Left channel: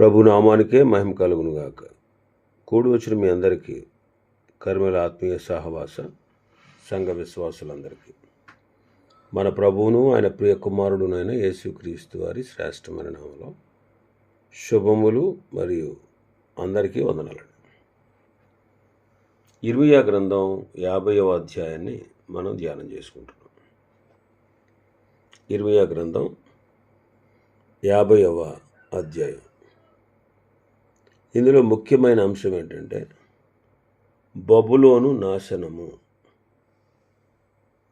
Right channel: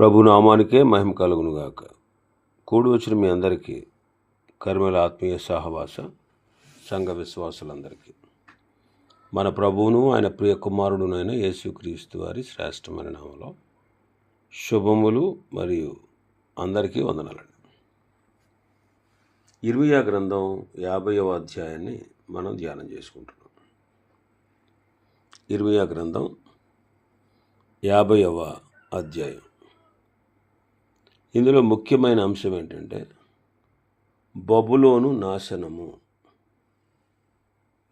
ప్రభు నామానికే మహిమ కలుగునుగాక. కూడి వచ్చిన మీ అందరికీ కర్మల ఆత్మీయ సహవాస సంఘ విశ్వాసులందరికీ మన ప్రభువును ఆయన ప్రియ కుమారుడునైన యేసుక్రీస్తు వారి శ్రేష్టమైన నామములో శుభములు మరియు అందరికీ వందనాలండి. ఇర్మీయా గ్రంథం 50వ అధ్యాయాన్ని మనం ధ్యానం చేసుకుంటున్నాం. ఇర్మీయా గ్రంథం 50వ అధ్యాయం. ఇందులో ముఖ్యమైన అంశం ఏంటంటే బబులోను నాశనము.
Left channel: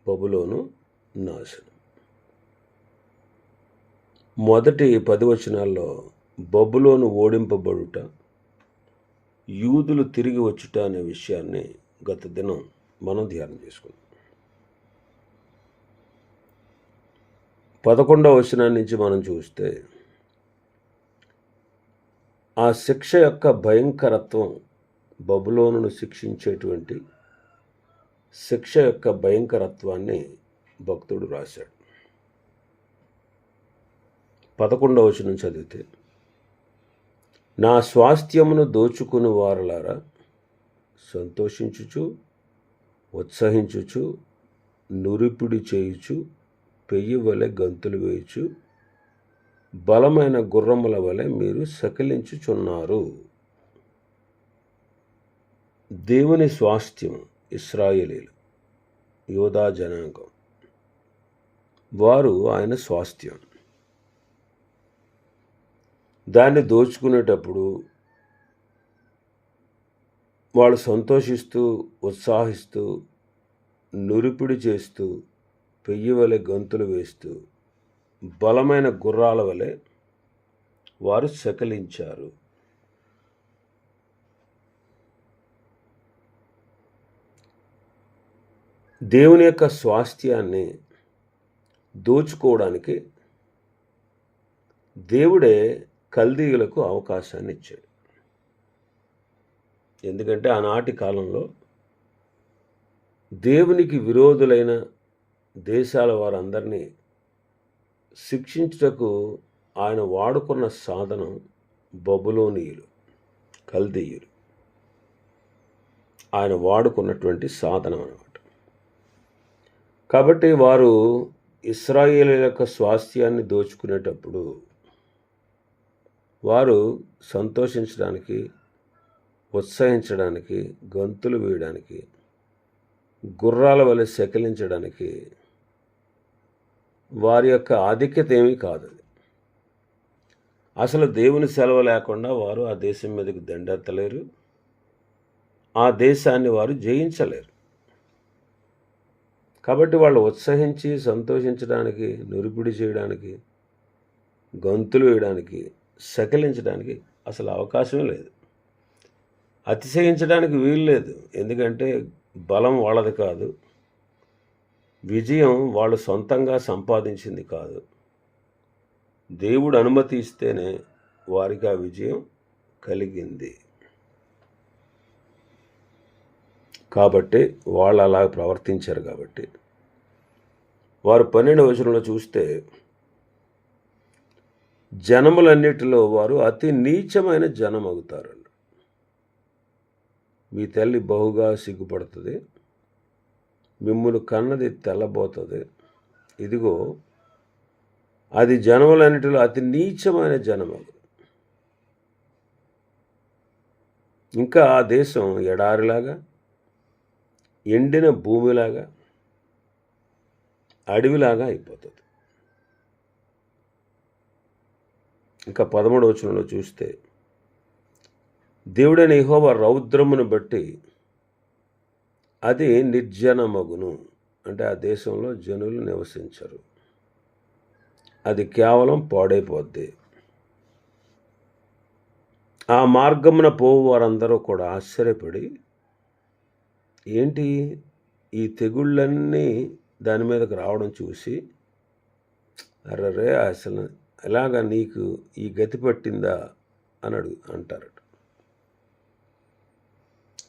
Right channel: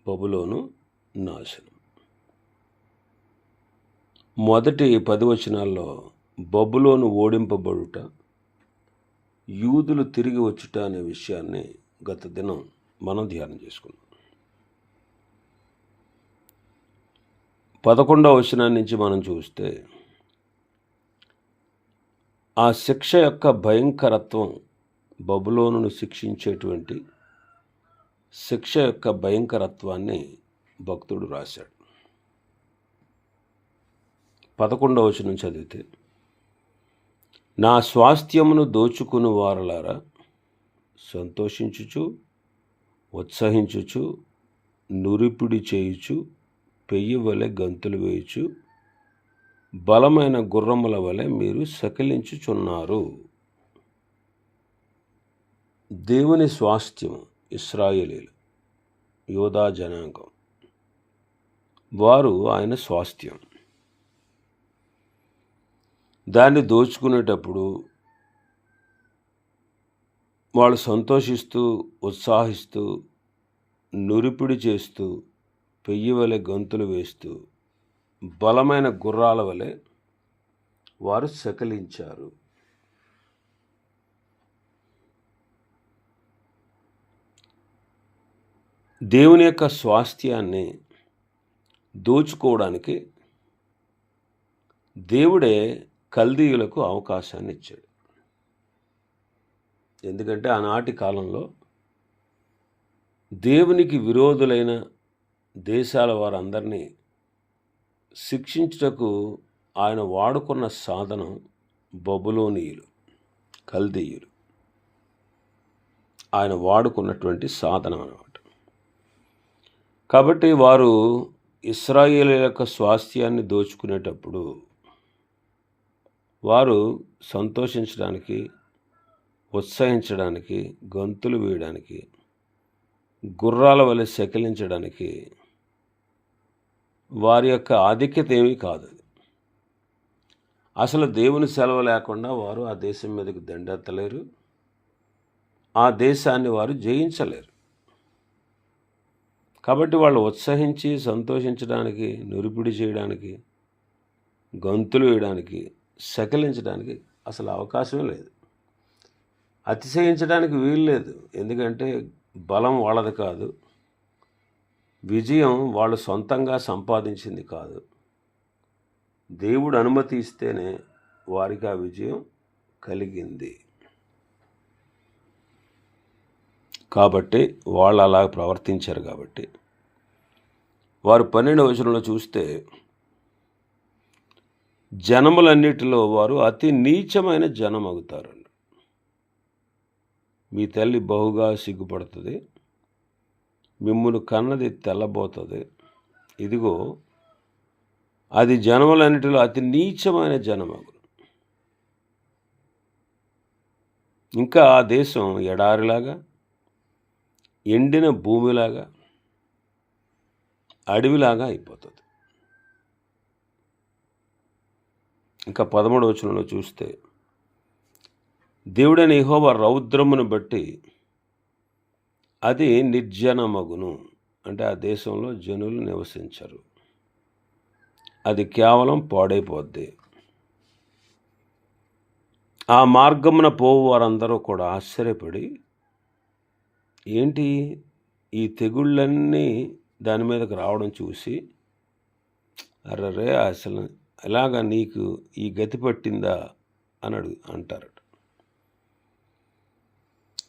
బబులోను నాశనం. మొదటి 10 వచనాల్లో బబులోను ఓడింపబడుట, యూదులు తిరిగి వచ్చుట అనే విషయాన్ని గత దినం మనం ధ్యానం చేసుకున్నాం. 11వ వచనం నుంచి మనం చూస్తే ఆ శిక్ష యొక్క భయంకరత్వం, బబులోనును శిక్షించేటువంటి శిక్ష యొక్క భయంకరత్వాన్ని భక్తుడు రాశాడు. 11వ వచనం చదివితే, నా స్వాస్థ్యమును దోచుకుని వారలారా సంతోషించుచు ఉత్సహించుచు నురిపిడి చేయుచు పెయ్యి వలె గంతులు వేయుచు బలమైన గుర్రముల వలె మీరు సకిలించుచున్నారు. దేవుని స్వాస్థ్యము ఇశ్రాయేలీలు, యోధా జనాంగం, వారు ఆయన స్వాస్థ్యం. దాన్ని దోచుకునేటప్పుడు వాళ్ళు సంతోషిస్తూ ఉత్సాహిస్తూ నురిపిడి చేస్తూ పెయ్యి వలె గంతులు వేస్తూ బలమైన గుర్రాల వలె వారు సకిలించారు. దేవుని యొక్క స్వాస్థ్యాన్ని దోచుకోవడానికి దేవుడే కల్దీయులకు అవకాశాన్ని ఇచ్చాడు. ఎందుకంటే ఆనాటి కాలంలో దేవునికి విరోధులైన దేశాల వారందరినీ శిక్షించుటకు ఆయన వాడుకున్న సాధనం బబులోనీయులు, కల్దీయులు. ఆయన వాడుకున్నటువంటి సాధనం అన్నమాట. కాబట్టి వారు ఇశ్రాయేలు యొక్క స్వాస్థ్యాన్ని దోచుకునేటప్పుడు వారు సంతోషించడానికి, ఉత్సహించడానికి, గంతులు వేయడానికి, గుర్రాల వలె సకిలించడానికి వారి యొక్క ఆధిక్యత ఏమీ కాదు. అసలు దేవుని సెలవు లేకుండా వారు ఆ దేశం మీదకి దండెత్తలేరు, ఆ దేశాన్ని వారు జయించలేరు. కాబట్టి వాళ్ళు ఉత్సహించి సంతోషించడానికి, నురిపిడి చేయడానికి, గంతులు వేయడానికి, సకిలించడానికి అసలు అవకాశమే లేదు. అతిశయించడానికి వీలు లేదు. ఎందుకంటే బలం వాళ్ళది కాదు, విజయం వాళ్ళు సొంతంగా సంపాదించింది కాదు. దేవుడు అనుమతి ఇస్తేనే వారికి ఆ విజయం కలిగింది. కాబట్టి వాళ్ళు అలా ప్రవర్తించారు. కాబట్టి వారు 12వ వచనంలో చూస్తే, జనములన్నిటిలో వారు అతి నీచమైన జనం అవుతారు. మీ తల్లి బహుగా సిగ్గుపడుతుంది, మిమ్మును కన్నది తెల్లబోతుంది. ఇదిగో అది జనములన్నిటిలో అతి నీచమైన జనమగు. ఇంకా ఆ దేశం ఎడారిలాగా, ఎండిన భూమిలాగా, అడవిలాగా అయిపోతుంది. ఇంకా 13వ వచనంలో చూస్తే, దేవుడైన యెహోవా రౌద్రమును బట్టి అది నిర్జనమగును. అంటే ఆ దేశంలో జనులు నివసించరు, అది కేవలం పాడైపోద్ది. ఆ మార్గమున పోవు వారందరూ కూడా ఆశ్చర్యపడి, ఏంటి ఈ తెగుళ్ళన్నీ దాని మీదకి రావడం చూసి, అర్రరే అసలు ఎలాగా నీకు ఈ గతి పట్టిందా అని అంటారట.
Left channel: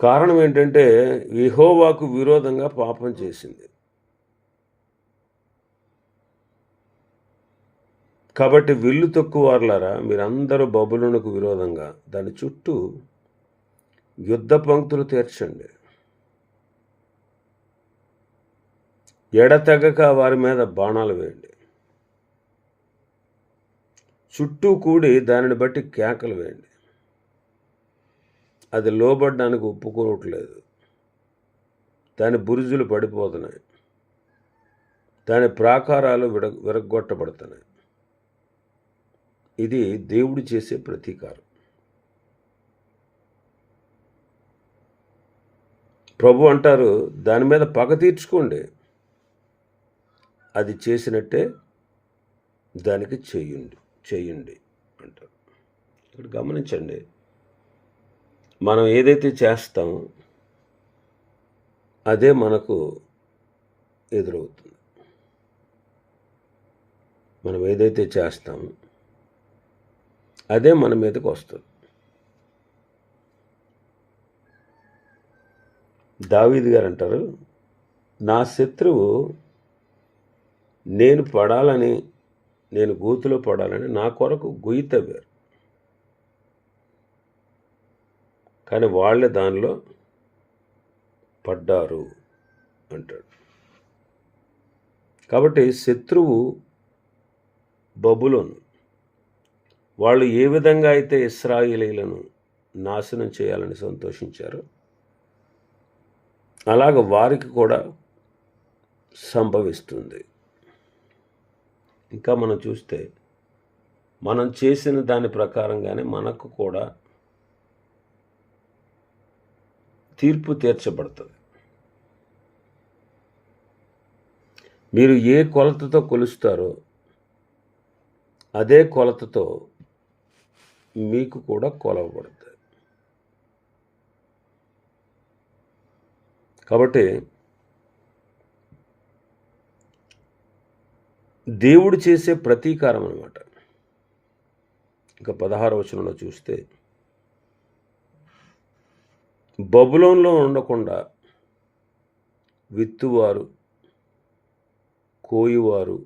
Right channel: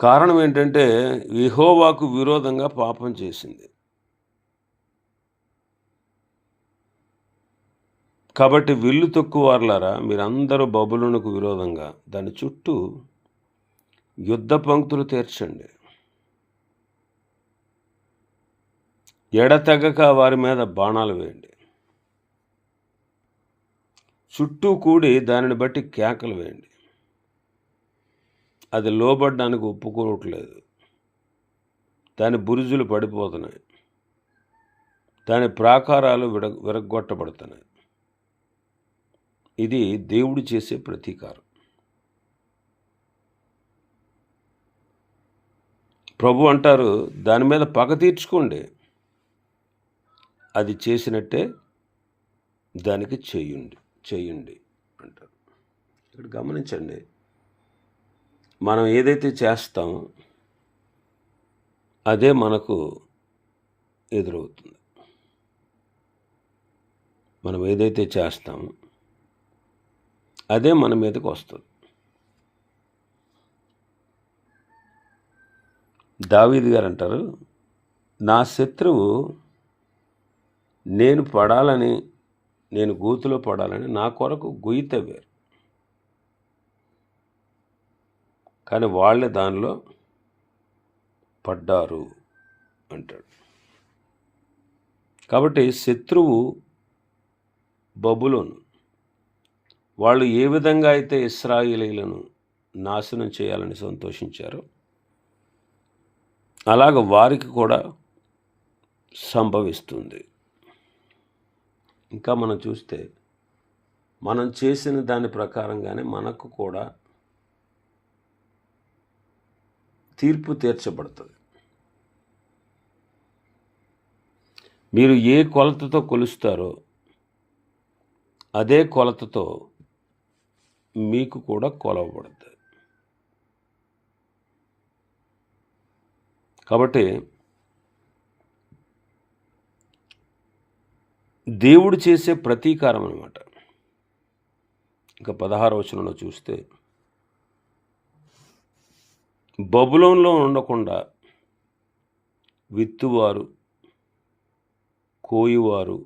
కారణం ఏంటంటే యెహోవాకు విరోధంగా పాపం చేసింది. కాబట్టి విల్లు తొక్కువారులారా, మీరందరూ బబులోనుకు విరోధంగా దాని చుట్టూ యుద్ధ పంక్తులు తీర్చండి. ఎడతెగక వారి మీద బాణాలు వేయండి. చుట్టూ కూడి దానిని బట్టి కేకలు వేయండి. అది లోబడ్డానికి ఒప్పుకోవట్లేదు. దాని బురుజులు పడిపోతున్నాయి. దాని ప్రాకారాలు విరగ్గొట్టబడుతున్నాయి. ఇది దేవుడు చేసే ప్రతీకారం. ప్రభు అంటారు, దాని మీద పగ తీర్చుకోండి. అది చేసినట్టే దానికి చేయండి అంటారు. ఇక్కడ గమనించండి, మనం ఏదైతే చేస్తామో అదే మనకు ఎదురవుతుంది. మనం ఏదైతే చేస్తామో అదే మన మీదకి వస్తుంది. దావీదు గారు అంటారు, నా శత్రువు నేను గోతిలో పడాలని నా కొరకు గొయ్యి తవ్వారు, కానీ వాళ్ళే దానిలో పడ్డారు అంటాడు. కాబట్టి శత్రువు బబులోను, వాళ్ళు ఏ విధంగా అయితే ఇశ్రాయేలీయులను నాశనం చేయాలని సంతోషించారో అలాగ వారికి కూడా సంభవిస్తుంది. ఇంకా మనం చూస్తే మనం చేసిన దాని ప్రకారంగానే మనకు కూడా తీర్పు తీర్చబడుతుంది. మీరు ఏ కొలతతో కొలుస్తారో అదే కొలతతో మీకు కూడా కొలవబడుతుంది. కాబట్టి దేవుడు చేసే ప్రతీకారం అన్నమాట. ఇంకా 16వ వచనంలో చూస్తే, బబులోనులో ఉండకుండా విత్తువారు, కోయువారు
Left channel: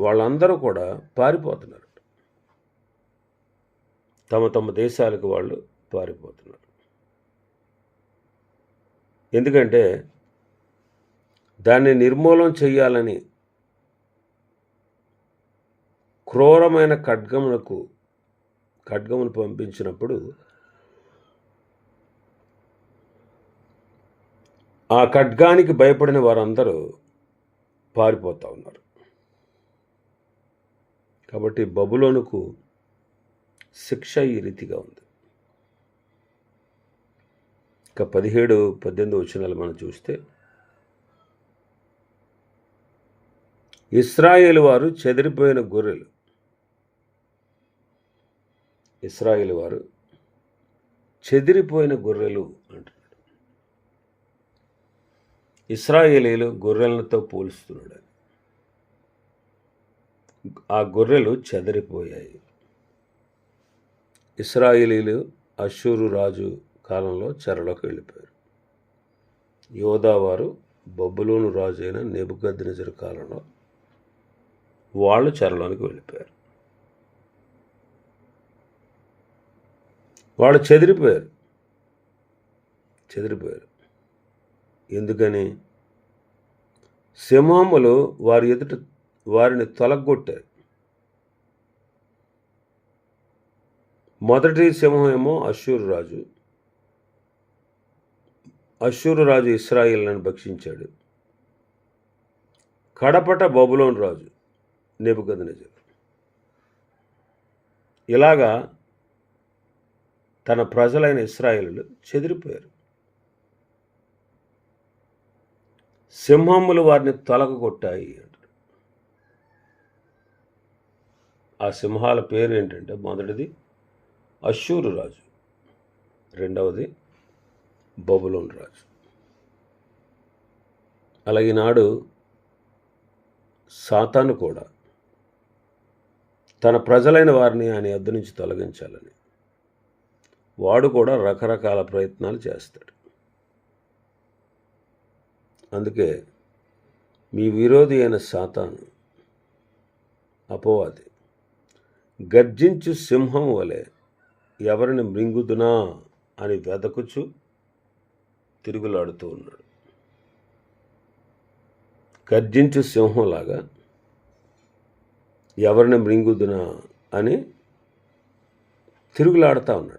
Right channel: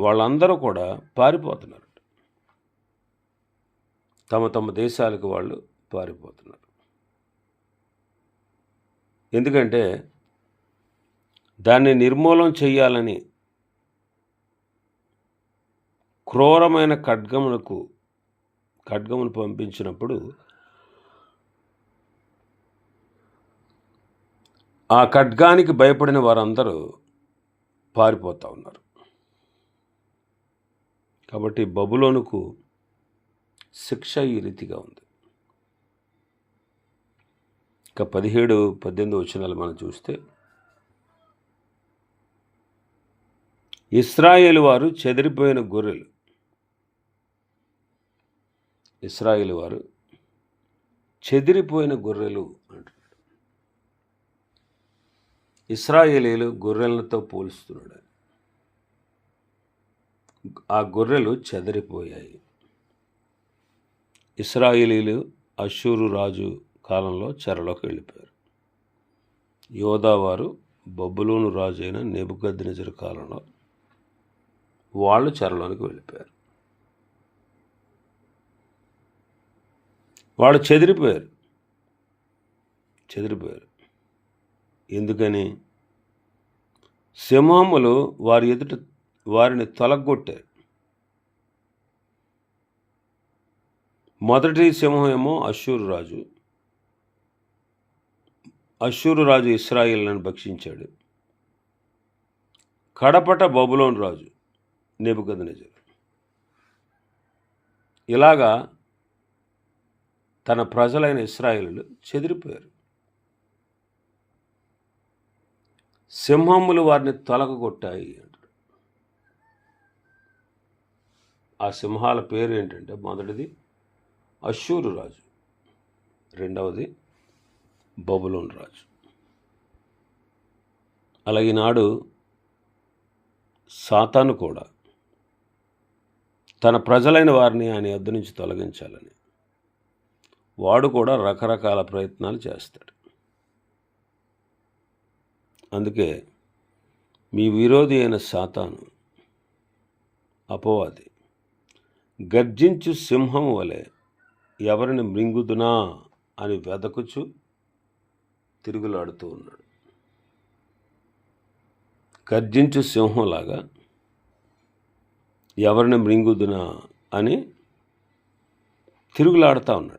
వాళ్ళందరూ కూడా పారిపోతున్నారు. తమ తమ దేశాలకు వాళ్ళు పారిపోతున్నారు. ఎందుకంటే దాన్ని నిర్మూలన చేయాలని క్రూరమైన ఖడ్గమును పంపించినప్పుడు ఆ ఖడ్గానికి భయపడిన వారందరూ పారిపోతూ ఉన్నారు. కాబట్టి బబులోనుకు శిక్ష ఈ రీతిగా ఉంది. ఇక 17-18 వచనాలు మనం చూస్తే, ఇశ్రాయేలు వారు చెదిరిపోయిన గొర్రెలు. ఇశ్రాయేలు వారు చెదిరిపోయిన గొర్రెలు అంటారు. ఇశ్రాయేలీలు గొర్రెలతో పోలుస్తున్నాడు. ఆ గొర్రెలు చెదిరిపోయాయి. ఇశ్రాయేలీలు అష్షూరు రాజు కాలంలో చెరలోకి వెళ్ళిపోయారు. యోధావారు బబులోను రాజు అయిన నెబుకద్నెజరు కాలంలో వాళ్ళు చెరలోనికి వెళ్ళిపోయారు. వాళ్ళు చెదిరిపోయారు. ఎందుకని? సింహములు వారి ఎదుట వారిని తొలగొట్టారు. మొదటి సింహం ఏమో అష్షూరు రాజు. అష్షూరు రాజు ఇశ్రాయేలును భక్షించాడు. కడపట బబులోను రాజు నెబుకద్నెజరు. ఇలాగా తన ప్రజలైన ఇశ్రాయేలులు చెదిరిపోయారు. సింహములు వారిని తొలగొట్టాయి అంటారు. ఆ సింహాల పేరు ఏంటంటే, మొదటిది అష్షూరు రాజు, రెండవది బబులోను రాజు. అలాగే నాడు సాతాను కూడా తన ప్రజలైన వారిని ఆయన యొద్ద నుంచి తొలగించాలని వాడు కూడా రకరకాల ప్రయత్నాలు చేస్తాడు. అందుకే మీ విరోధి అయిన సాతాను అపవాది గర్జించు సింహం వలె ఎవరిని మృంగుదునా అని వెదకుచు తిరుగులాడుతూ ఉన్నాడు. గర్జించు సింహంలాగా ఎవరిని మృంగుదునా అని తిరుగులాడుతూ ఉన్నాడు.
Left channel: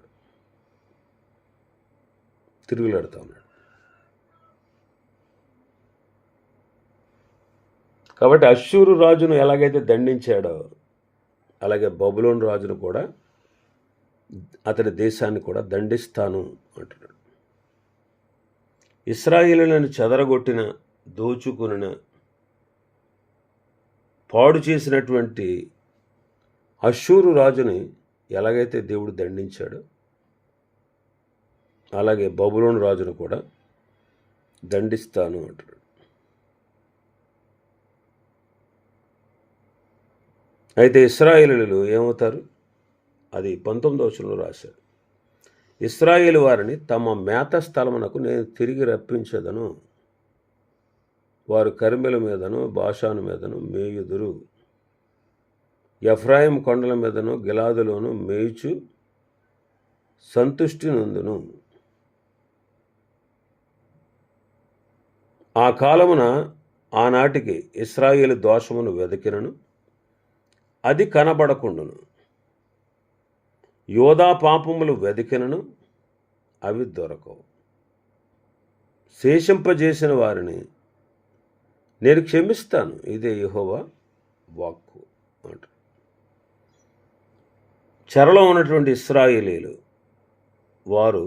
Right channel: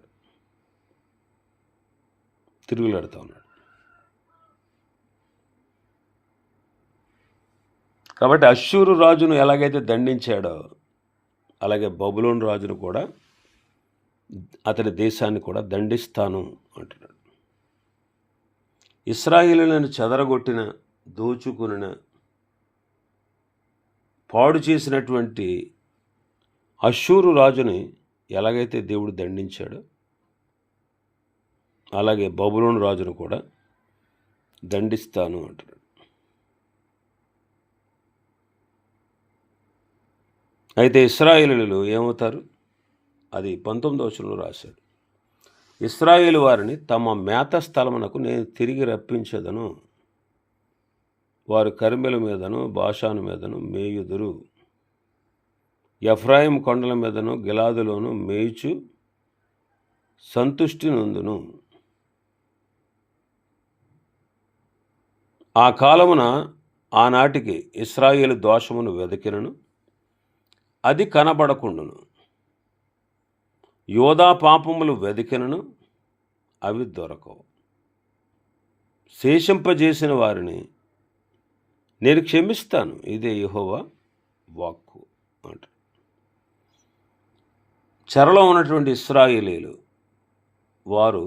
కాబట్టి అష్షూరు రాజును ఎలాగైతే దండించాడో అలాగే బబులోను రాజును కూడా, అతని దేశాన్ని కూడా దండిస్తాను అంటున్నాడు. ఇశ్రాయేలులను చెదరగొట్టిన, దోచుకున్న, పాడు చేసినటువంటి అష్షూరు రాజుని ఎలాగైతే దేవుడు దండించాడో అలాగే బబులోను రాజును కూడా దండిస్తాను అంటున్నాడు. అయితే ఇశ్రాయేలీయులు ఏమవుతారు? అది 19వ వచనంలో రాశాడు. ఇశ్రాయేలు వారిని తమ మేత స్థలమునకు నేను తిరిగి రప్పించేదను, వారు కర్మెల మీదను బాషాను మీదను మేయుదురు, ఎఫ్రాయిం కొండల మీదను గిలాదులోను మేయుచు సంతుష్టి నొందును. ఆ కాలమున ఆనాటికి ఇశ్రాయేలు దోషమును వెదకినను అది కనబడకుండును, యోధా పాపములు వెదికినను అవి దొరకవు. శేషింపజేసిన వారిని నేను క్షమిస్తాను, ఇదే యెహోవా వాక్కు అంట. చెరలో ఉన్నటువంటి ఇశ్రాయేలీయులు వారు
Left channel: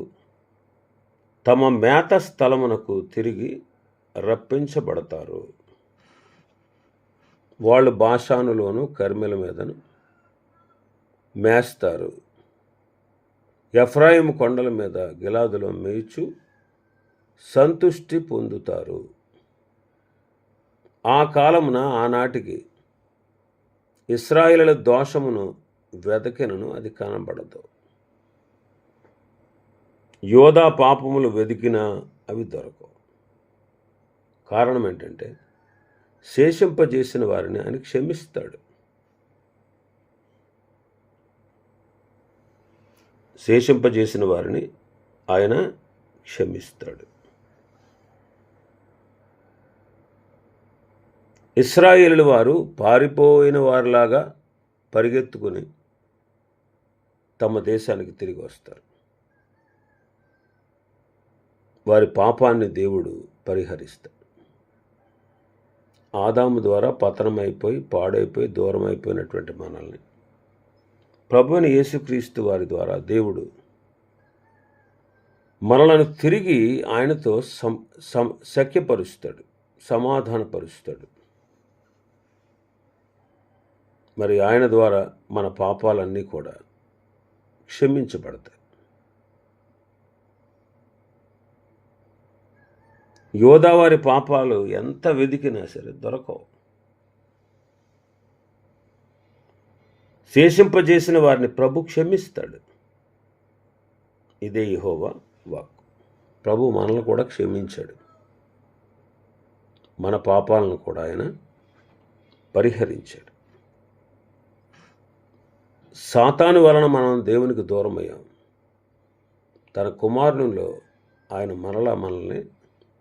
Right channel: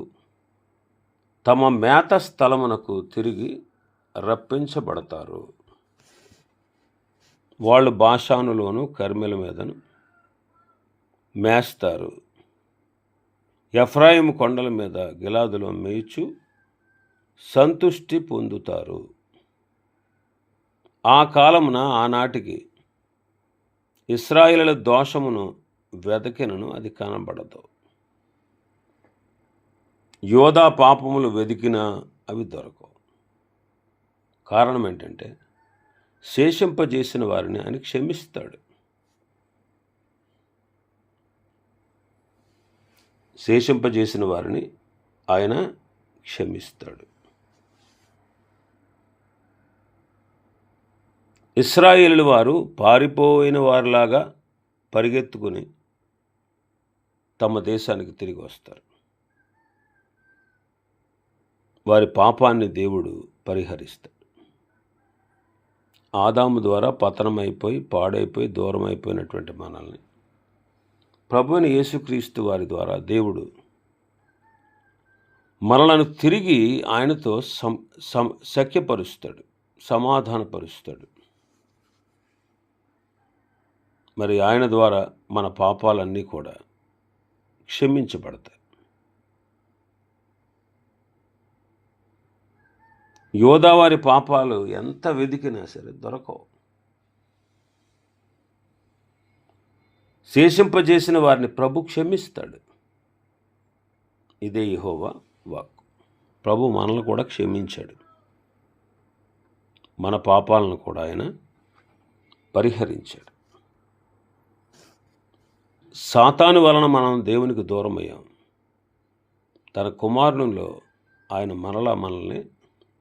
తమ మేత స్థలమునకు తిరిగి రప్పించబడతారు. వాళ్ళు బాషానులోను కర్మెల మీదను మేస్తారు, ఎఫ్రాయిము కొండల మీద గిలాదులో మేయిచు సంతుష్టి పొందుతారు. ఆ కాలమున ఆనాటికి ఇశ్రాయేలుల దోషమును వెదకినను అది కనబడదు, యోధా పాపములు వెదికినా అవి దొరకవు. కారణం ఏంటంటే శేషింపజేసిన వారిని ఆయన క్షమిస్తాడు. శేషింపజేసిన వారిని ఆయన క్షమిస్తాడు. ఇశ్రాయేలు వారు పారిపోయిన వారిలాగా పరిగెత్తుకుని తమ దేశానికి తిరిగి వస్తారు. వారి పాపాన్ని దేవుడు పరిహరిస్తాడు. ఆదాము ద్వారా పతనమైపోయి పాడైపోయి దూరం అయిపోయినటువంటి మనల్ని ప్రభువైన యేసుక్రీస్తు వారి ద్వారా దేవుడు మనలను తిరిగి ఆయనతో సఖ్యపరుస్తాడు, సమాధానపరుస్తాడు. మరి ఆయన ద్వారా మన పాపాలన్నీ కూడా క్షమించబడతాయి. యోధావారి పాపాలు ఎంత వెదికినా సరే దొరకవు. శేషింపజేసిన వారిని ప్రభు క్షమిస్తాడు. ఇదే యెహోవా వాక్కు. ప్రభు మనల్ని కూడా క్షమించాడు, మన పాపాలను కూడా ఆయన పరిహరించాడు. సాతాను వలన మనం దేవునికి దూరం అయ్యాం. తన కుమారునిలో ఆయన మనల్ని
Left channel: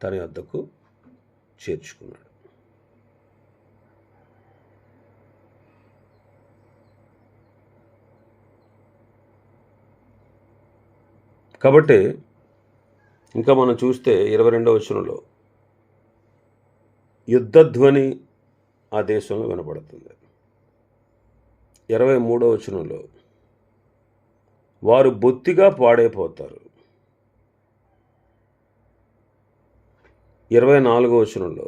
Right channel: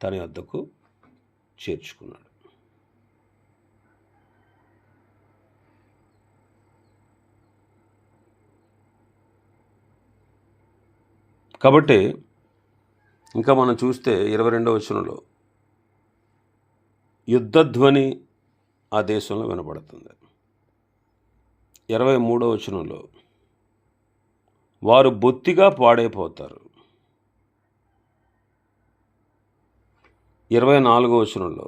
తన వద్దకు చేర్చుకున్నాడు. కాబట్టి ఇంకా మనం చూస్తే 22వ వచనంలో యుద్ధధ్వని ఆ దేశంలో వినబడుతుంది. 23వ వచనంలో వారు బొత్తిగా పాడైపోతారు. 24వ వచనంలో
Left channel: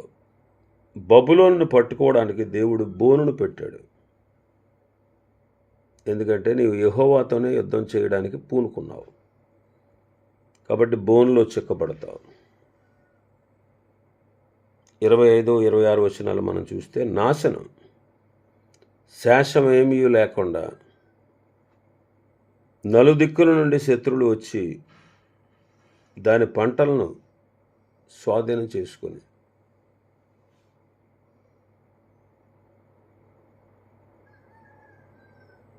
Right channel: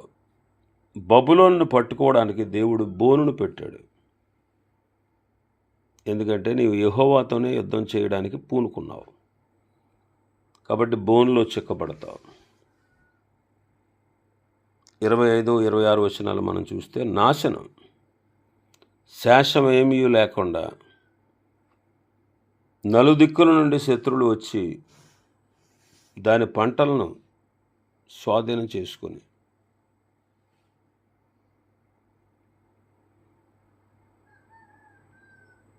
బబులోనును పట్టుకోవడానికి దేవుడు బోనును పెట్టాడు. ఎందుకంటే నీవు యెహోవాతోనే యుద్ధం చేయడానికి పూనుకున్నావు కాబట్టి బోనులో చిక్కబడతావు. 25, 26 వచనాలు మనం చూస్తే నాశనం, శేషమేమీ లేకుండా నలుదిక్కుల నుండి శత్రువులు వచ్చి దాని పంటలను స్వాధీనం చేసుకుని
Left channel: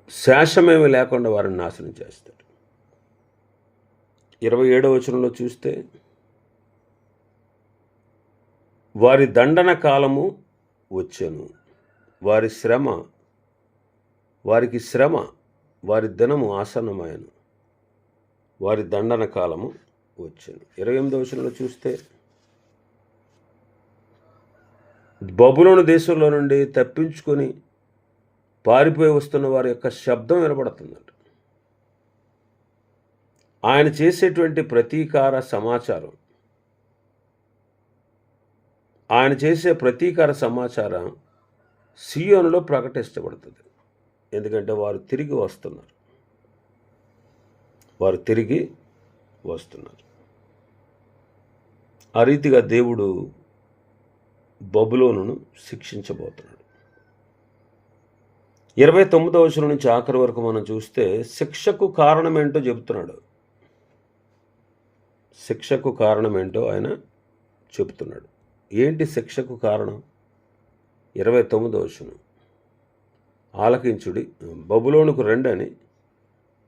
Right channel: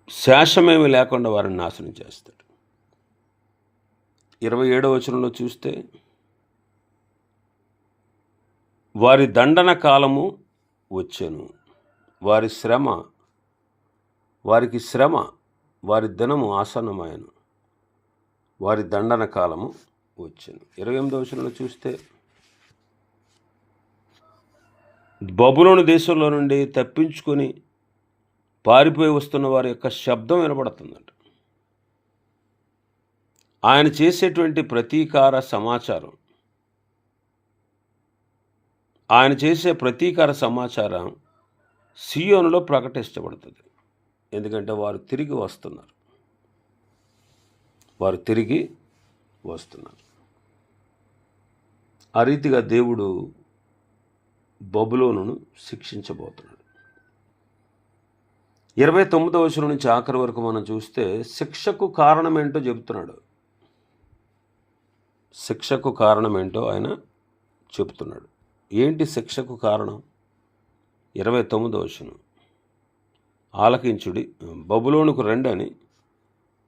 శేషమేమి లేకుండా వారిని నాశనం చేస్తాడు. 27వ వచనంలో చూస్తే, వారి దండన కాలము వచ్చెను, వారికి శ్రమ, వారి దినము ఆసన్నమాయను, వారి దండన కాలము వచ్చెను. 28వ వచనంలో చూస్తే, బబులోను దేశంలో నుండి తప్పించుకొని పారిపోయి వస్తున్న వారి యొక్క శబ్దం వినబడుతుందంట. ఆయన చేసేటువంటి ప్రతీకార సమాచారం సియోనులో ప్రకటించబడుతుంది. ఎందుకంటే వారు తిరిగి వస్తున్నారు. ఆ రీతిగా దేవుడు బబులోనును శిక్షించబోతున్నాడు. 29వ వచనం నుంచి ఆఖరి వరకు మనం చూస్తే శిక్షకు కారణం ఏంటో చెబుతున్నాడు. శిక్షకు కారణం ఏంటో ఆయన చెబుతున్నాడు. ఏంటి శిక్షకు కారణం? 29వ వచనం, ఆలకించుడి, బబులోనుకు రండి అని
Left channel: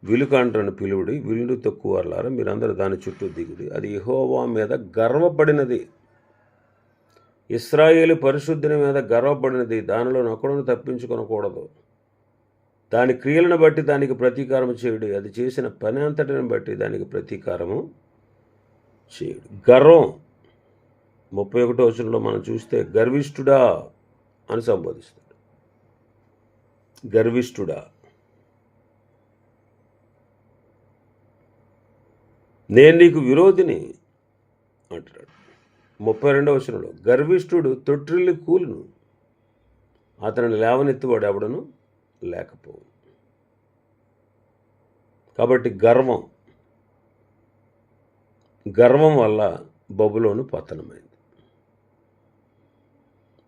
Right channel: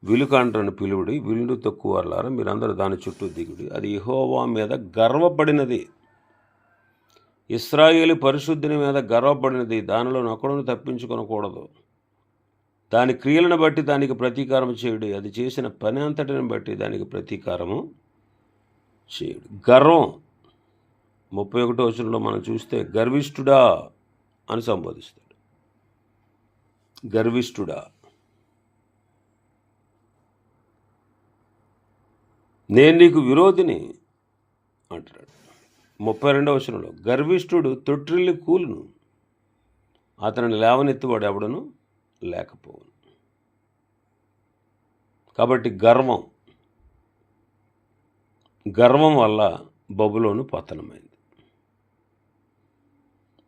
విలుకాండ్రను పిలువుడి, విల్లు తక్కువారులారా మీరందరూ దాని చుట్టూ దిగుడి. అది యెహోవా మీద గర్వపడినది, ఇశ్రాయేలు పరిశుద్ధుని మీద గర్వపడినది. దానిలో నొకడును తప్పించుకొనకూడదు. దాని క్రియలను బట్టి దానికి ప్రతీకారం చేయుడి, అది చేసిన పని అంతటిని బట్టి దానికి ప్రతీకారము చేయుడు. గర్వం 31వ వచనంలో మనం చూస్తే గర్విష్ఠుడా అని సంబోధిస్తాడు. గర్విష్ఠుడా, నేను నీకు విరోధిని అంటున్నాడు. 32వ వచనంలో గర్విష్ఠుడు తొట్టిల్లి కూలును, అతనిని లేవనెత్తువాడు ఎవడను లేకపోవును. కాబట్టి గర్వం వల్ల బబులోను పతనమైంది.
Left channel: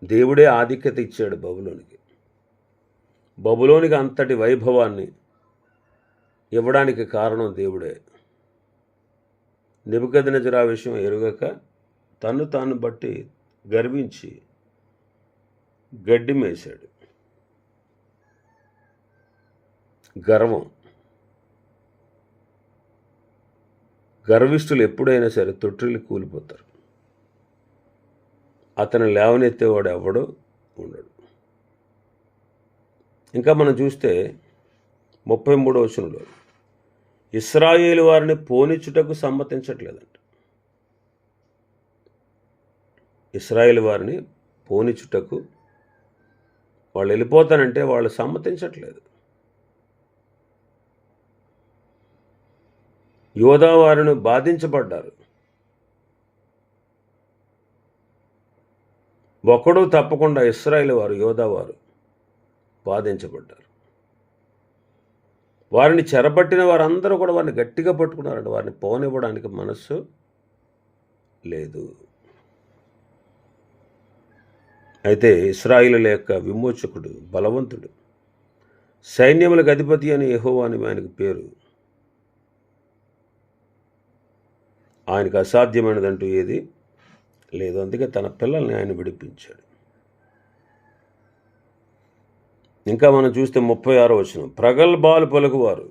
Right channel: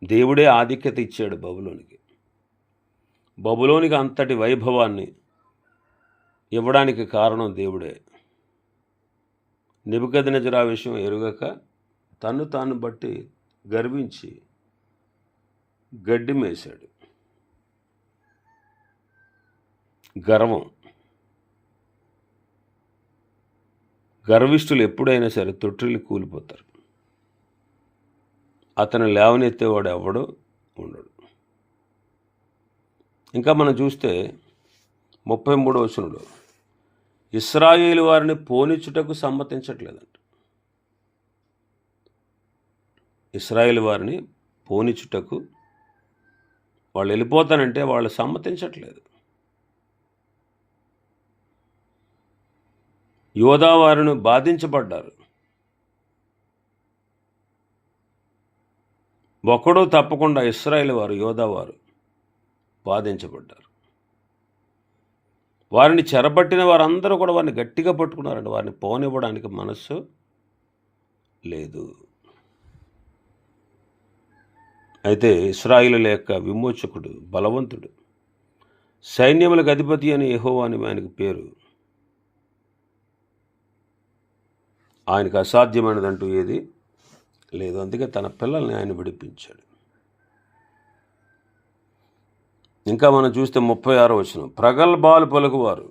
దేవుడే ఆధిక్యత ఇచ్చాడు బబులోనికి అంతటి వైభవాన్ని ఇవ్వడానికి కారణం దేవుడే. నెబుకద్నెజరు ఆ విషయం ఎరుగక తను తాను బట్టి గర్వించి గడ్డి మేశాడు. గర్విష్ఠులు ఎప్పుడైనా సరే తొట్టిల్లి కూలిపోతారు. అతను లేవనెత్తేవాడు ఎవడు ఉండడు. ఇంకా మనం చూస్తే 33వ వచనంలో ఇశ్రాయేలు వారిని పోనిచ్చుటకు సమ్మతించట్లేదంట. ఇశ్రాయేలు వారిని పోనిచ్చుటకు వాళ్ళు వెళ్ళిపోతానంటే వాళ్ళు సమ్మతించట్లేదు. యోధా వారిని బాధించబడ్డారు. ఒకడు తప్పకుండా ఇశ్రాయేలు వారు, యోధా వారు బాధించబడ్డారు. వారిని చెరపట్టిన వారందరూ కూడా వారిని గట్టిగా పట్టుకున్నారండి. వారిని పోనివ్వడానికి మనస్సు లేదు. అయితే ఇశ్రాయేలు యొక్క విమోచకుడు బలవంతుడు, సైన్యములకు అధిపతి అని యెహోవా అని ఆయనకు పేరు. ఆయనకు అసాధ్యమైనదంటూ ఏది లేదు. అందుకే తన పిల్లల్ని ఆయన విడిపించాడు. ఇంకా మనం చూస్తే 36వ వచనం, ప్రగల్భాలు పలుకువారు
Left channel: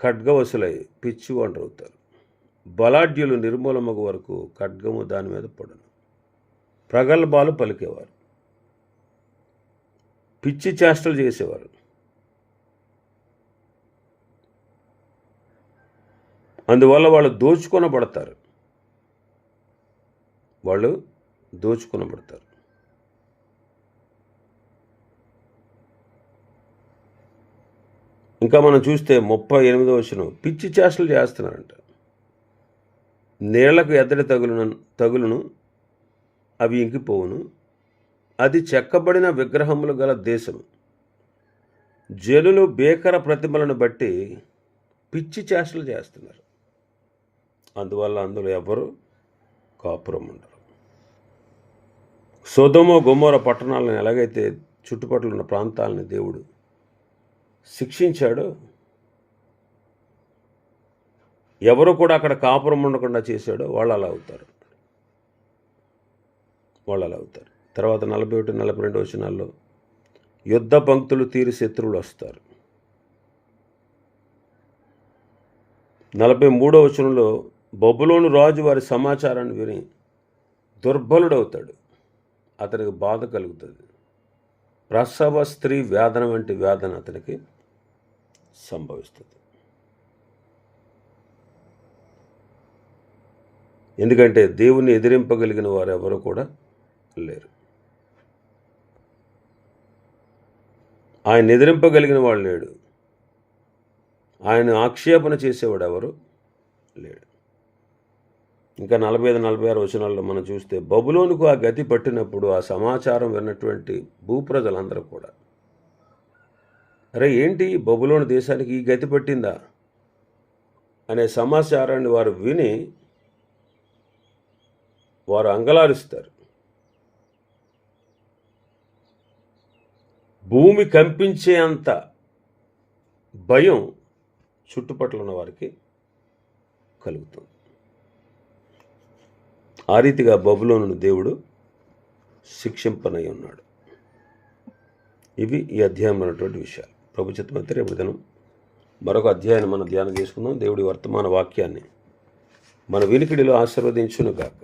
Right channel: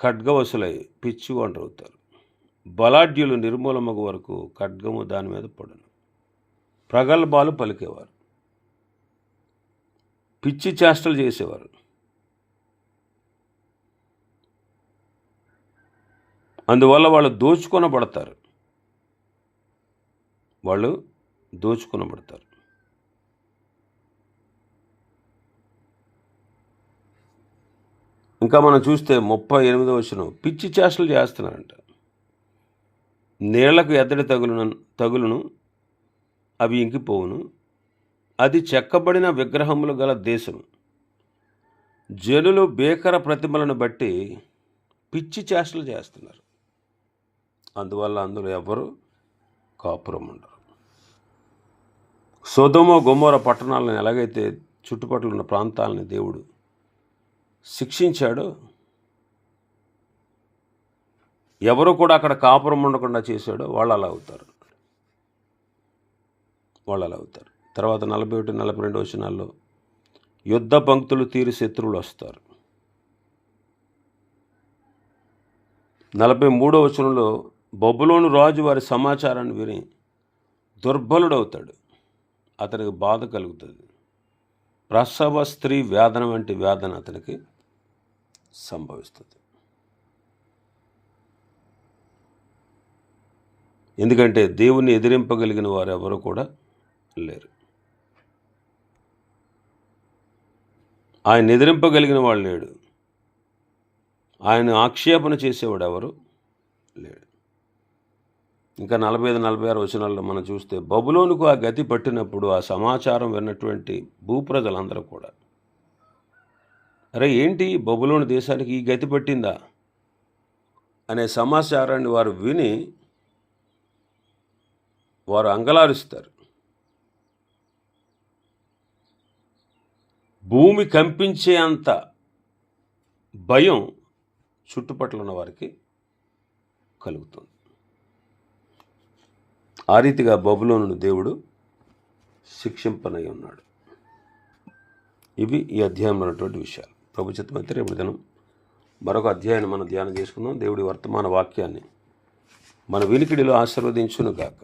ఖడ్గవశులై పిచ్చి ఒంటరవుతారు. బలాఢ్యులు నిర్మూలమగు వరకు ఖడ్గము దాని మీద పడును. ప్రగల్భాలు పలికేవారు, పిచ్చి చేష్టలు చేసేవారు. అందువల్ల వాళ్ళు దోచుకొనబడతారు. ఇంకా మనం చూస్తే 38వ వచనం, పిచ్చి చేష్టలు చేస్తున్నారంట. నీళ్లకు ఎద్దడి తగులును, అవి ఇంకిపోవును. అది చెక్కబడిన విగ్రహములు గల దేశం. జనులు భీకర ప్రతిమలను బట్టి పిచ్చి చేష్టలు చేస్తున్నారు. అందువల్ల అందులో ఎవరు కాపురం ఉండరు. సొదొమ గొమొర పట్టణాలను ఎలాగైతే చుట్టుపక్కల ఉన్న ప్రాంతాలని దేవుడు శిక్షించాడో, ఎవరు కూడా అక్కడ కాపురం ఉండకుండా చేశాడో వాళ్ళు అలా అవుతారు. తర్వాత 41, 42 వచనాల్లో యుద్ధ పంక్తులు తీరి శత్రువులు వస్తారు. 43వ వచనంలో బబులోను రాజు వారి సమాచారాన్ని విని దుర్బలుడవుతాడు, అతనికి బాధ కలుగుతుంది. ప్రసవ స్త్రీ వేదన వంటి వేదన అతనికి సంభవిస్తుంది. ఎందుకంటే దేవుణ్ణి ఎదిరింపగలిగిన వారు ఎవరు కూడా లేరు. ఆయన ఎదిరింపగలిగిన వాడు లేడు. ఆయన ఆక్షేపణ చేసేవాడు ఎవరు లేడు. ఇంకా 45-46 వచనాల్లో మనం చూస్తే బబులోనుకు ఆ గతి పట్టినప్పుడు ఆ సమాచారం విన్నటువంటి భూప్రజలందరూ కూడా, అరే ఏంటి బబులోను దేశానికి ఈ గతి పట్టిందా అనే సమాచారాన్ని వారు విని వారు అంగలారుస్తారు. భూమి కంపించే అంత భయం చుట్టుపక్కల ఉన్న వారికి కలుగుతుంది. ఆ రీతిగా బబులోనును దేవుడు శిక్షింపనై ఉన్నాడు. ఇవి ఈ అధ్యాయంలో ఉన్నటువంటి విషయాలు. ప్రభు చిత్తమైతే రేపు దినం మరొక అధ్యాయాన్ని మనం ధ్యానం చేసుకుందాం. దేవుడి వర్తమాన వాక్యాన్ని మన వినికిడిలో ఆశీర్వదించును గాక.